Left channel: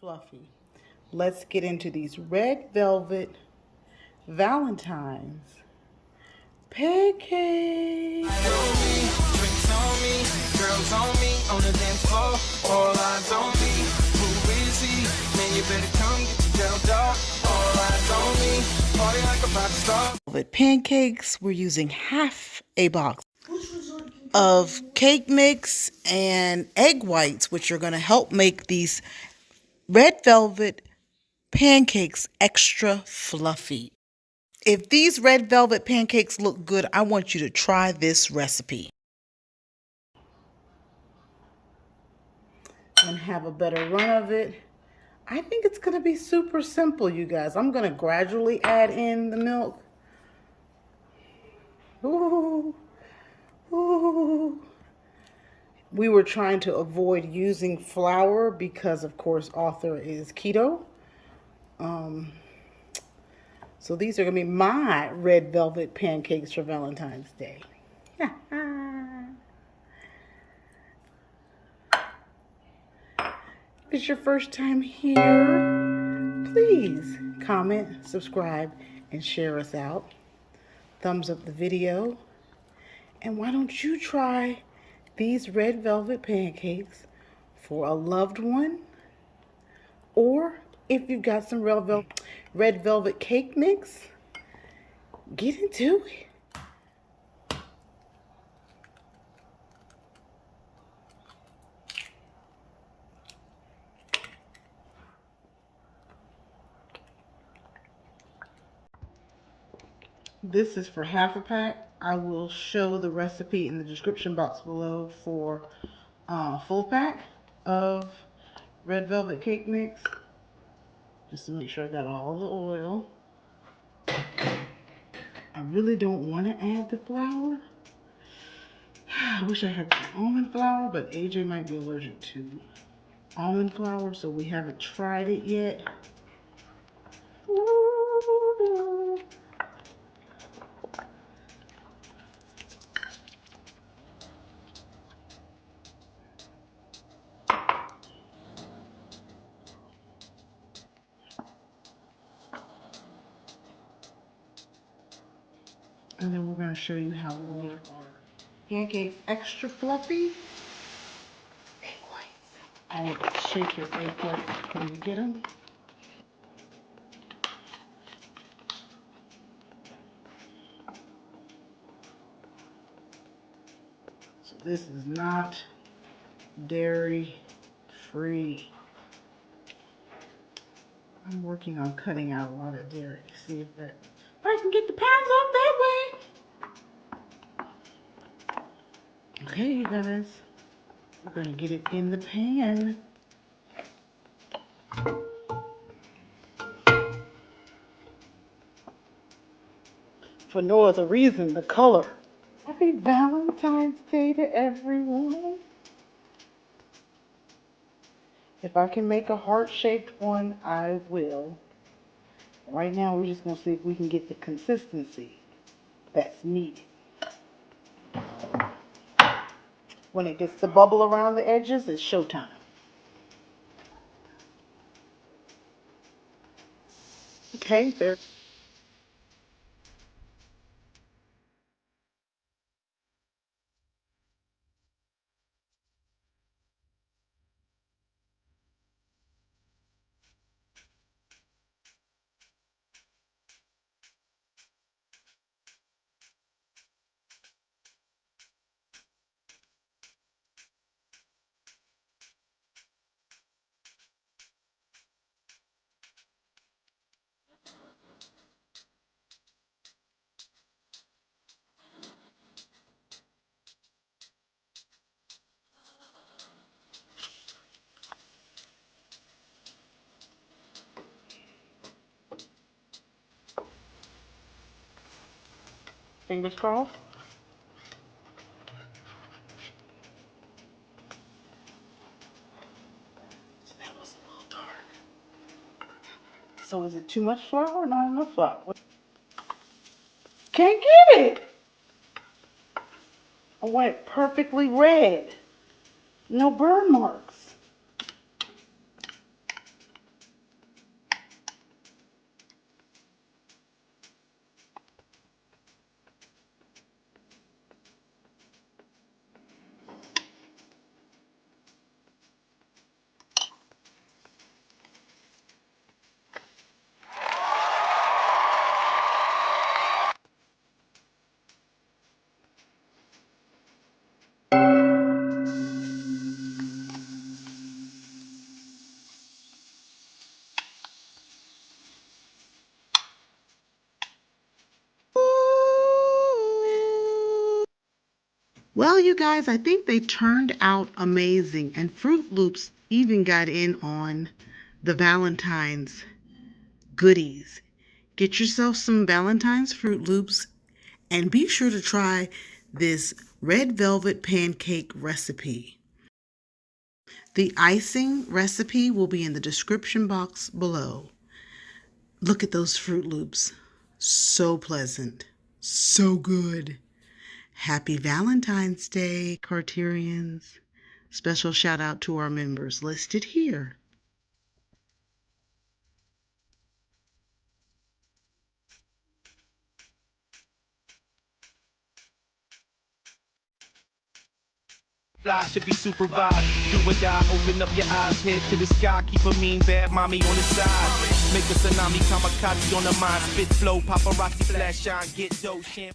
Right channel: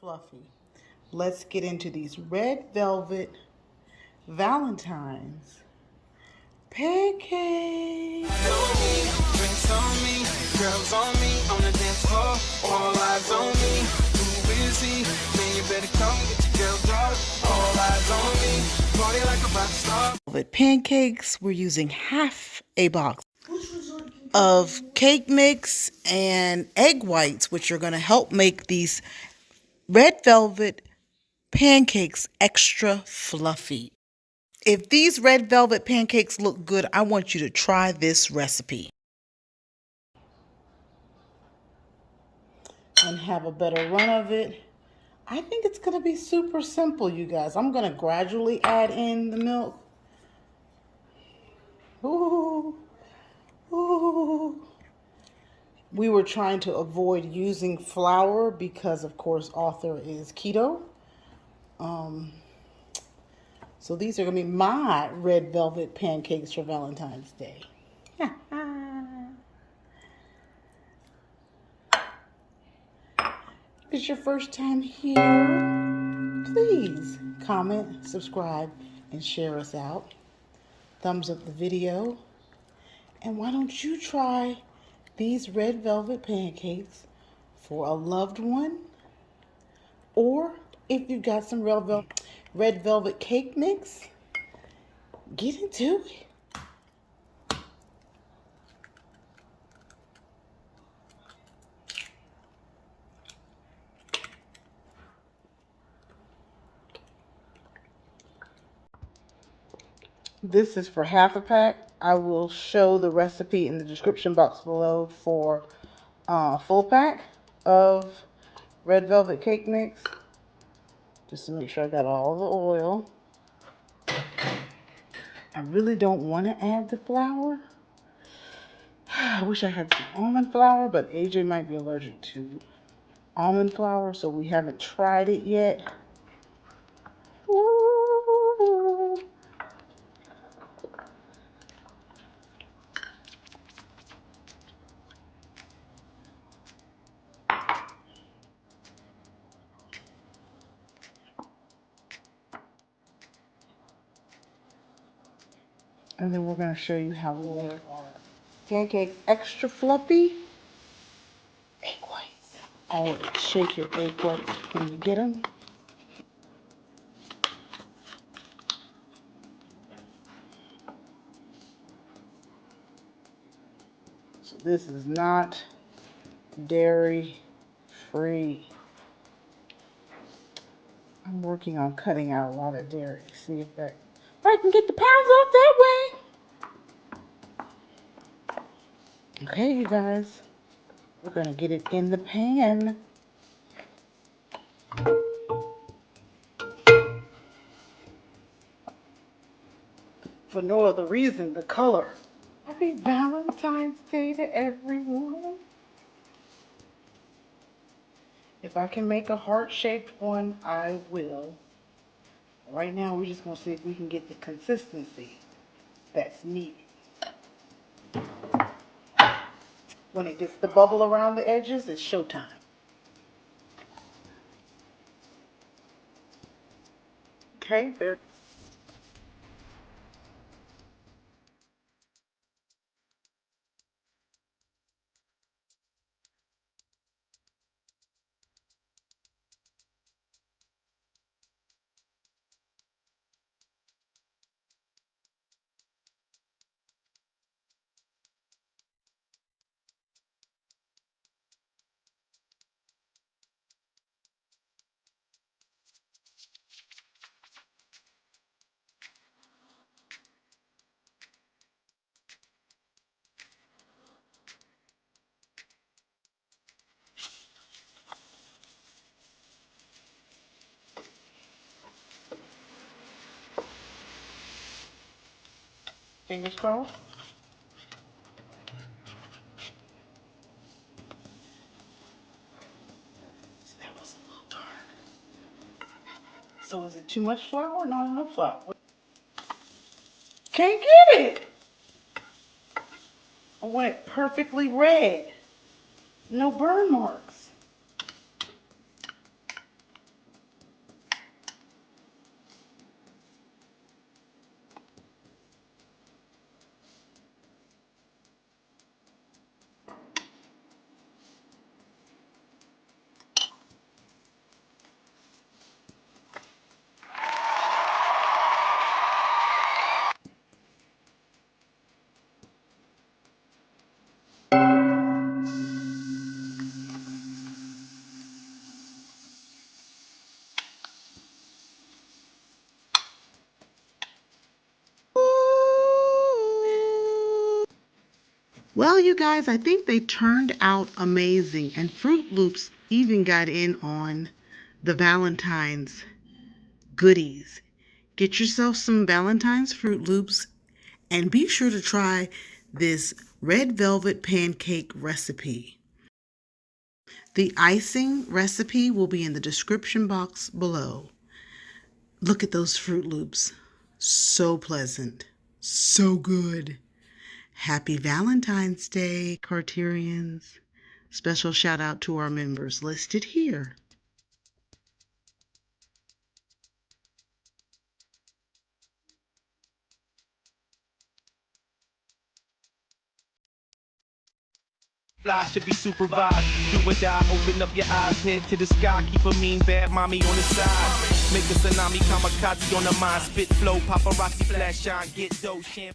fluffy. Let's get into these red velvet Valentine's pancakes. Girls on me, on the dance floor, all eyes on me. Who is he? Then you better come get your girl dog. All eyes on me, party like a rock star. Velvet pancakes, we're using half a box of cake mix and egg whites, which are going to help make these red velvet pancakes extra fluffy. If these red velvet pancakes look good, I want you to try this recipe and have a better run of it. I think it's going to be super simple, you guys. I'm going to gradually add in the milk. Ooh, ooh. We were trying to avoid using flour because, of course, author is keto. So these are going to be my red velvet pancakes for Valentine's Day. If it's your first time here, please comment, subscribe, and share us out. Thumbs up the video. And why don't you try these red velvet pancakes for a loved one? Or if you've got some red velvet cake mix, get into it. This is for half a pack. I will show the recipe in the description box below for a full pack of red velvet cake mix. Just to make sure I got all the oil. I really don't want to add the flour. I wish I had some almond flour, but AJ might be allergic to almond flour, so we haven't tried it yet. And then we're going to show you how we make our pancakes extra fluffy. Egg whites. I shake your egg whites when you get them. So this is not dairy free. I'm working on cutting out a lot of dairy. See if I can get the pounds off that way. Okay, you guys, we're gonna get it in the pan. For no other reason, the color. Happy Valentine's Day to everyone. If I can make a heart-shaped one, I will. Right now, we're just gonna see if we can get the consistency that's needed. When it gets the bubble around the edges, it's showtime. Okay, there. Fingers crossed. So that was a little dark. So is it too much flour or not enough flour? Can't get it. I want it perfectly red. No burn marks. Well, you guys, I think they turned out amazing, and Fruit Loops even got in on the Valentine's goodies. Get yourself some Valentine's Fruit Loops and be sure to try this red velvet pancake recipe. The icing recipe will be in the description box below. Look at those Fruit Loops. So pleasant. So good. Happy Valentine's Day, Carterians. Special shout out to our members listed here. Fly should be supervised. Do or die, open up your eyes, head to the sky. Keep a mean bad mommy on the side. Make a tsunami kamikaze on the mind. Spit flow, paparazzi flash shine, get dough, champagne.